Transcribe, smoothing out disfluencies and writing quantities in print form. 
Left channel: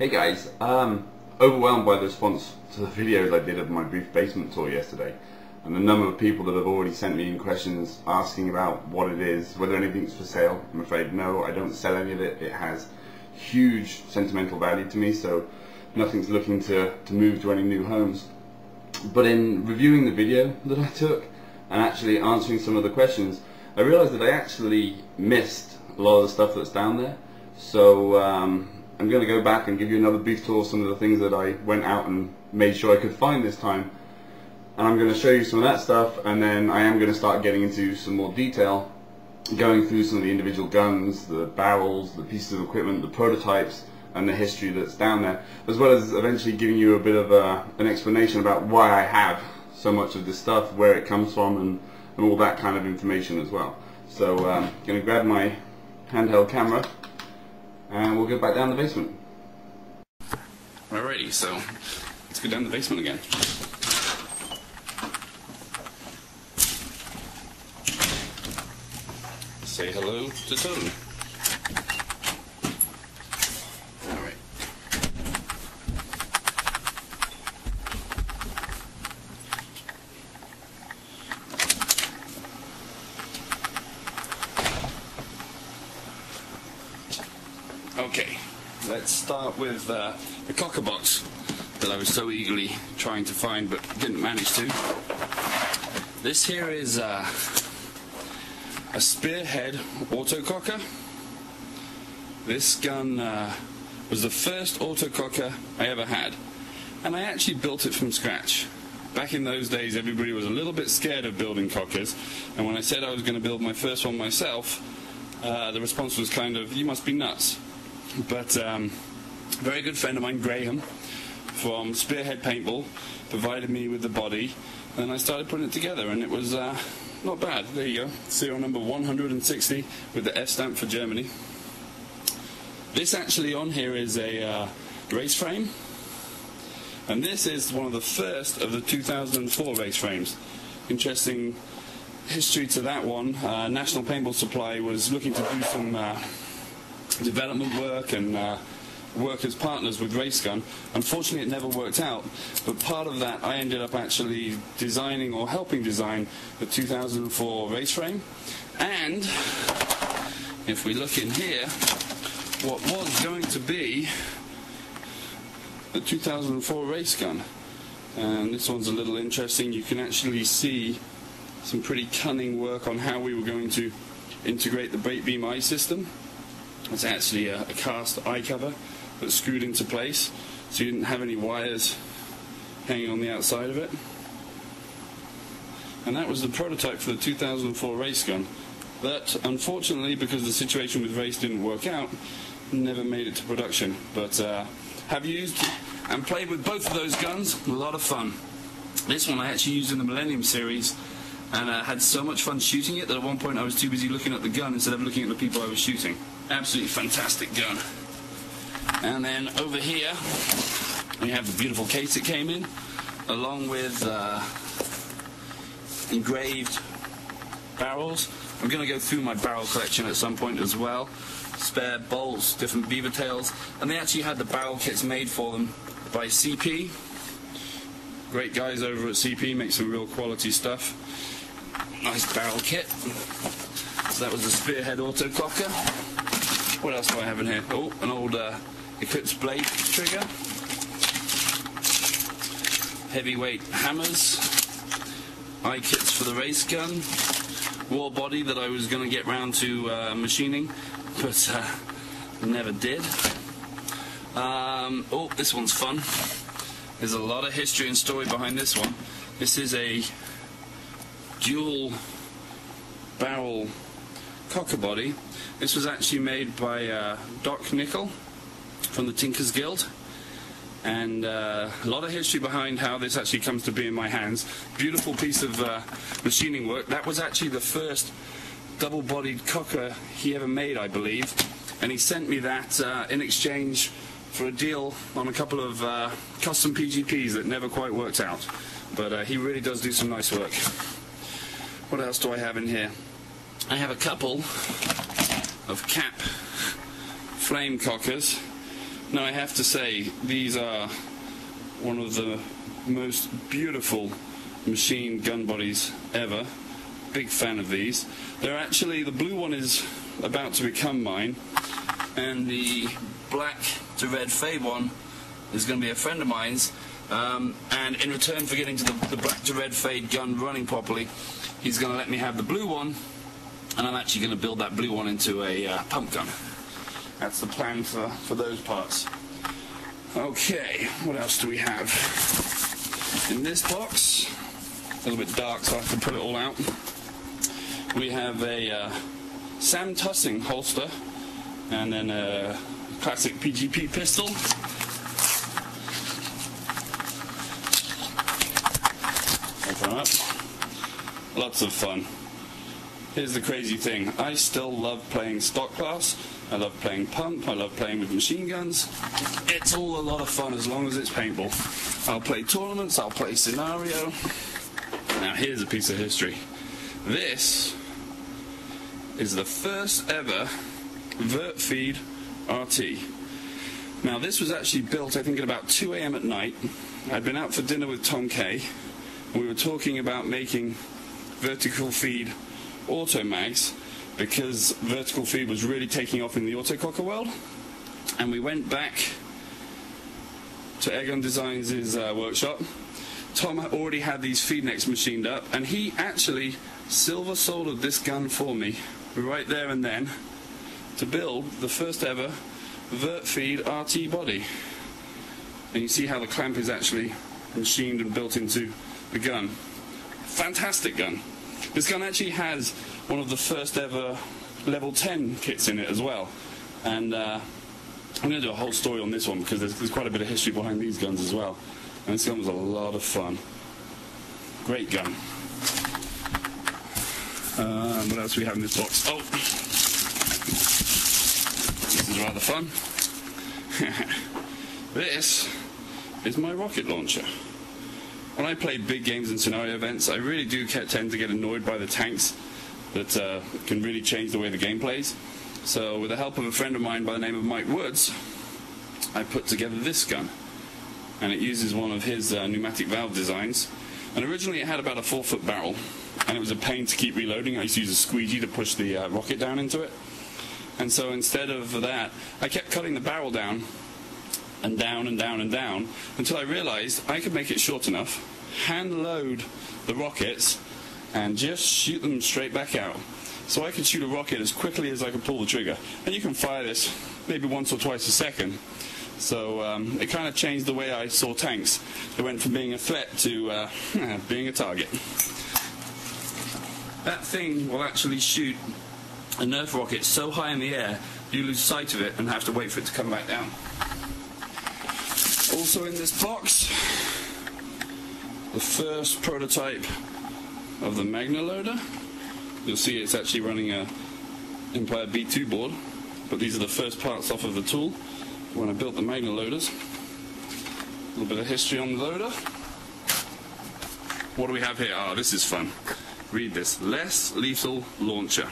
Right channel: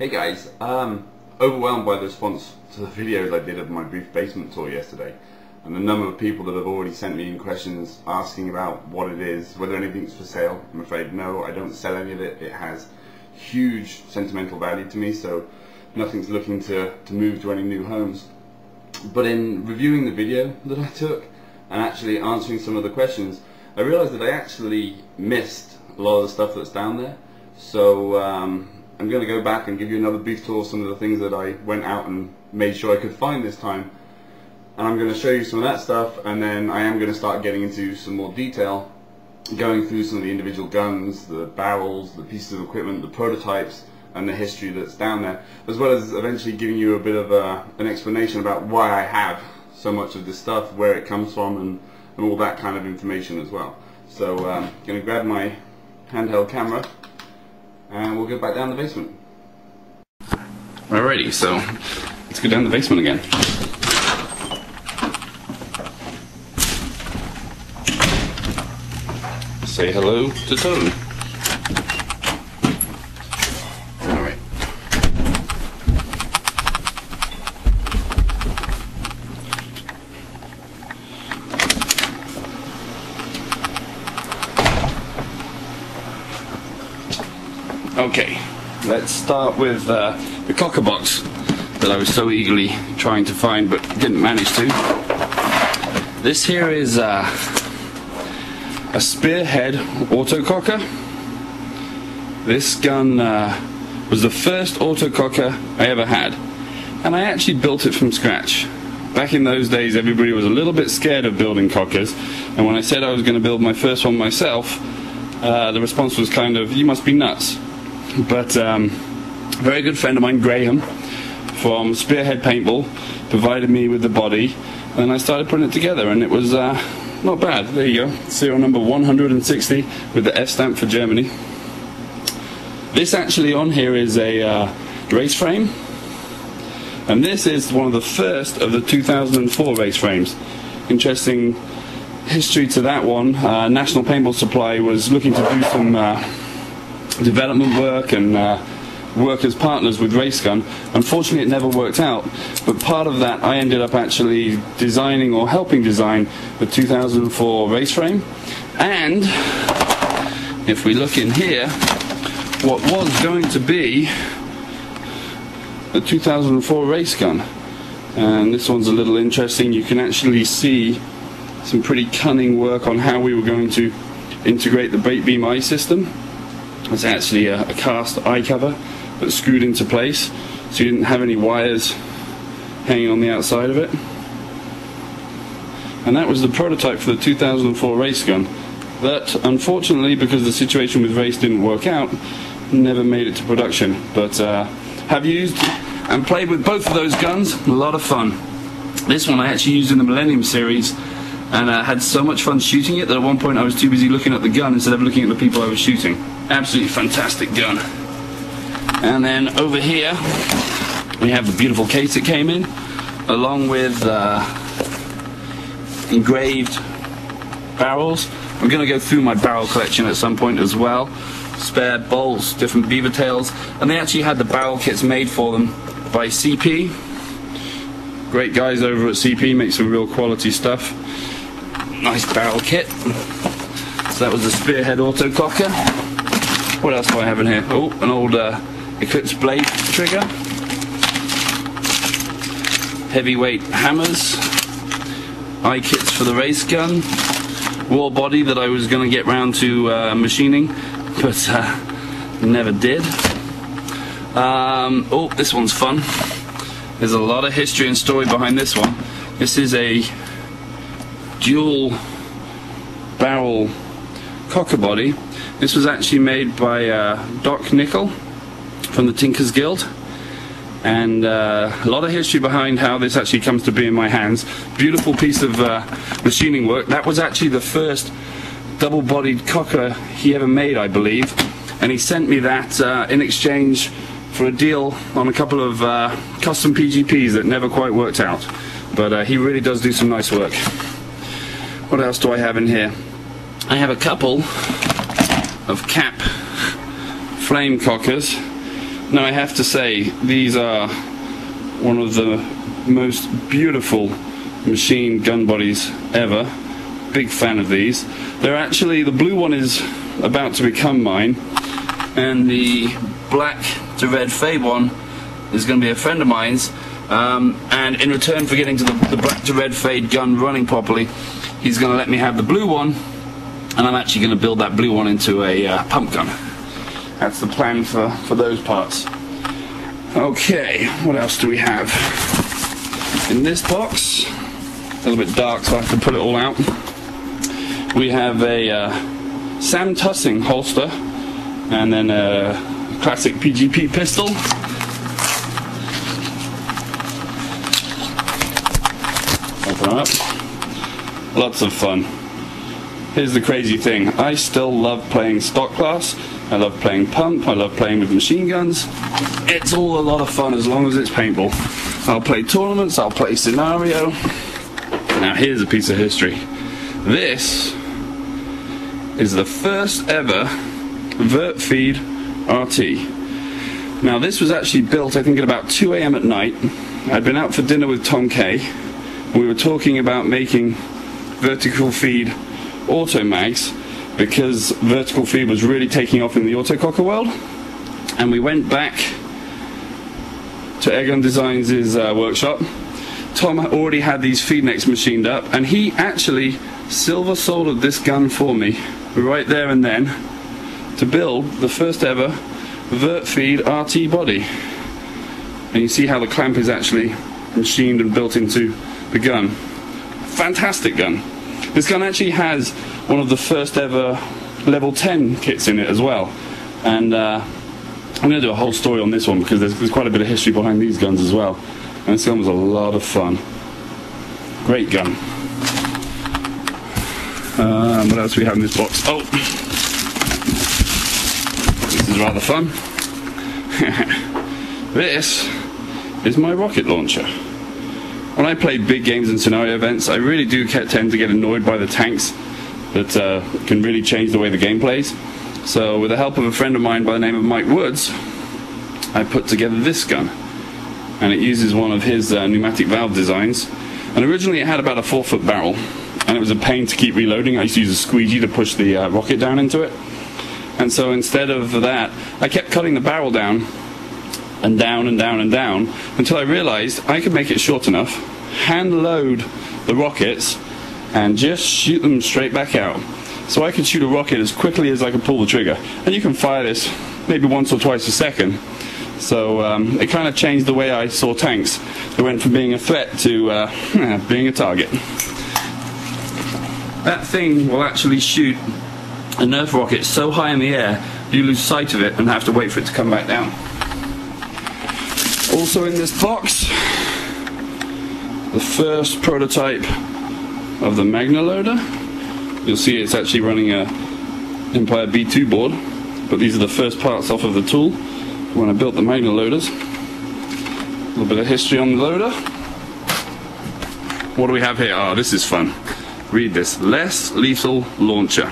Hey guys, overwhelmed by the response to the videos I did of my brief basement tour yesterday, and the number of people that have already sent me in questions asking about what it is, whether anything's for sale. I'm afraid no, I don't sell any of it. It has huge sentimental value to me, so nothing's looking to move to any new homes. But in reviewing the video that I took and actually answering some of the questions, I realized that I actually missed a lot of the stuff that's down there. So I'm going to go back and give you another brief tour of some of the things that I went out and made sure I could find this time. And I'm going to show you some of that stuff, and then I am going to start getting into some more detail, going through some of the individual guns, the barrels, the pieces of equipment, the prototypes, and the history that's down there, as well as eventually giving you a bit of an explanation about why I have so much of this stuff, where it comes from, and all that kind of information as well. So I'm going to grab my handheld camera and we'll get back down the basement. Alrighty, so let's go down the basement again. Say hello to Toad. Alright. Okay, let's start with the cocker box that I was so eagerly trying to find but didn't manage to. This here is a Spearhead autococker. This gun was the first autococker I ever had, and I actually built it from scratch. Back in those days, everybody was a little bit scared of building cockers, and when I said I was going to build my first one myself, the response was kind of, you must be nuts. But a very good friend of mine, Graham, from Spearhead Paintball, provided me with the body, and I started putting it together, and it was not bad. There you go, serial number 160 with the F stamp for Germany. This actually on here is a race frame, and this is one of the first of the 2004 race frames. Interesting history to that one. National Paintball Supply was looking to do some development work and work as partners with Race Gun. Unfortunately, it never worked out, but part of that I ended up actually designing or helping design the 2004 race frame. And if we look in here, what was going to be the 2004 race gun, and this one's a little interesting. You can actually see some pretty cunning work on how we were going to integrate the bait beam eye system. It's actually a cast eye cover that's screwed into place, so you didn't have any wires hanging on the outside of it. And that was the prototype for the 2004 race gun that, unfortunately, because the situation with race didn't work out, never made it to production. But have used and played with both of those guns, a lot of fun. This one I actually used in the Millennium series, and I had so much fun shooting it that at one point I was too busy looking at the gun instead of looking at the people I was shooting. Absolutely fantastic gun. And then over here we have the beautiful case it came in, along with engraved barrels. I'm going to go through my barrel collection at some point as well. Spare bolts, different beaver tails, and they actually had the barrel kits made for them by CP. Great guys over at CP, make some real quality stuff. Nice barrel kit. So that was the Spearhead autococker. What else do I have in here? Oh, an old Eclipse blade trigger. Heavyweight hammers. Eye kits for the race gun. Raw body that I was going to get round to machining, but never did. Oh, this one's fun. There's a lot of history and story behind this one. This is a dual barrel cocker body. This was actually made by Doc Nickel from the Tinkers Guild, and a lot of history behind how this actually comes to be in my hands. Beautiful piece of machining work. That was actually the first double-bodied cocker he ever made, I believe, and he sent me that in exchange for a deal on a couple of custom PGPs that never quite worked out, but he really does do some nice work. What else do I have in here? I have a couple of cap flame cockers. Now I have to say, these are one of the most beautiful machine gun bodies ever. Big fan of these. They're actually, the blue one is about to become mine, and the black to red fade one is going to be a friend of mine's, and in return for getting to the black to red fade gun running properly, he's going to let me have the blue one, and I'm actually going to build that blue one into a pump gun. That's the plan for those parts. Okay, what else do we have? In this box, a little bit dark, so I have to put it all out. We have a Sam Tussing holster, and then a classic PGP pistol. Open up. Lots of fun. Here's the crazy thing. I still love playing stock class. I love playing pump. I love playing with machine guns. It's all a lot of fun as long as it's paintball. I'll play tournaments. I'll play scenario. Now here's a piece of history. This is the first ever vert feed RT. Now this was actually built, I think, at about 2 AM at night. I'd been out for dinner with Tom Kay. We were talking about making vertical feed auto mags because vertical feed was really taking off in the autococker world. And we went back to Airgun Designs' workshop. Tom already had these feed necks machined up, and he actually silver soldered this gun for me right there and then to build the first ever vert feed RT body. And you see how the clamp is actually machined and built into the gun. Fantastic gun. This gun actually has one of the first ever level 10 kits in it as well. And I'm going to do a whole story on this one because there's quite a bit of history behind these guns as well. And this gun was a lot of fun. Great gun. What else do we have in this box? Oh! This is rather fun. This is my rocket launcher. When I play big games and scenario events, I really do tend to get annoyed by the tanks that can really change the way the game plays. So with the help of a friend of mine by the name of Mike Woods, I put together this gun. And it uses one of his pneumatic valve designs. And originally it had about a 4-foot barrel, and it was a pain to keep reloading. I used to use a squeegee to push the rocket down into it. And so instead of that, I kept cutting the barrel down and down and down and down until I realized I could make it short enough, hand load the rockets, and just shoot them straight back out. So I could shoot a rocket as quickly as I could pull the trigger. And you can fire this maybe once or twice a second. So it kind of changed the way I saw tanks. It went from being a threat to being a target. That thing will actually shoot a Nerf rocket so high in the air you lose sight of it and have to wait for it to come back down. Also in this box, the first prototype of the Magna loader. You'll see it's actually running a Empire B2 board, but these are the first parts off of the tool when I built the Magna loaders. A little bit of history on the loader. What do we have here? Oh, this is fun. Read this. Less lethal launcher.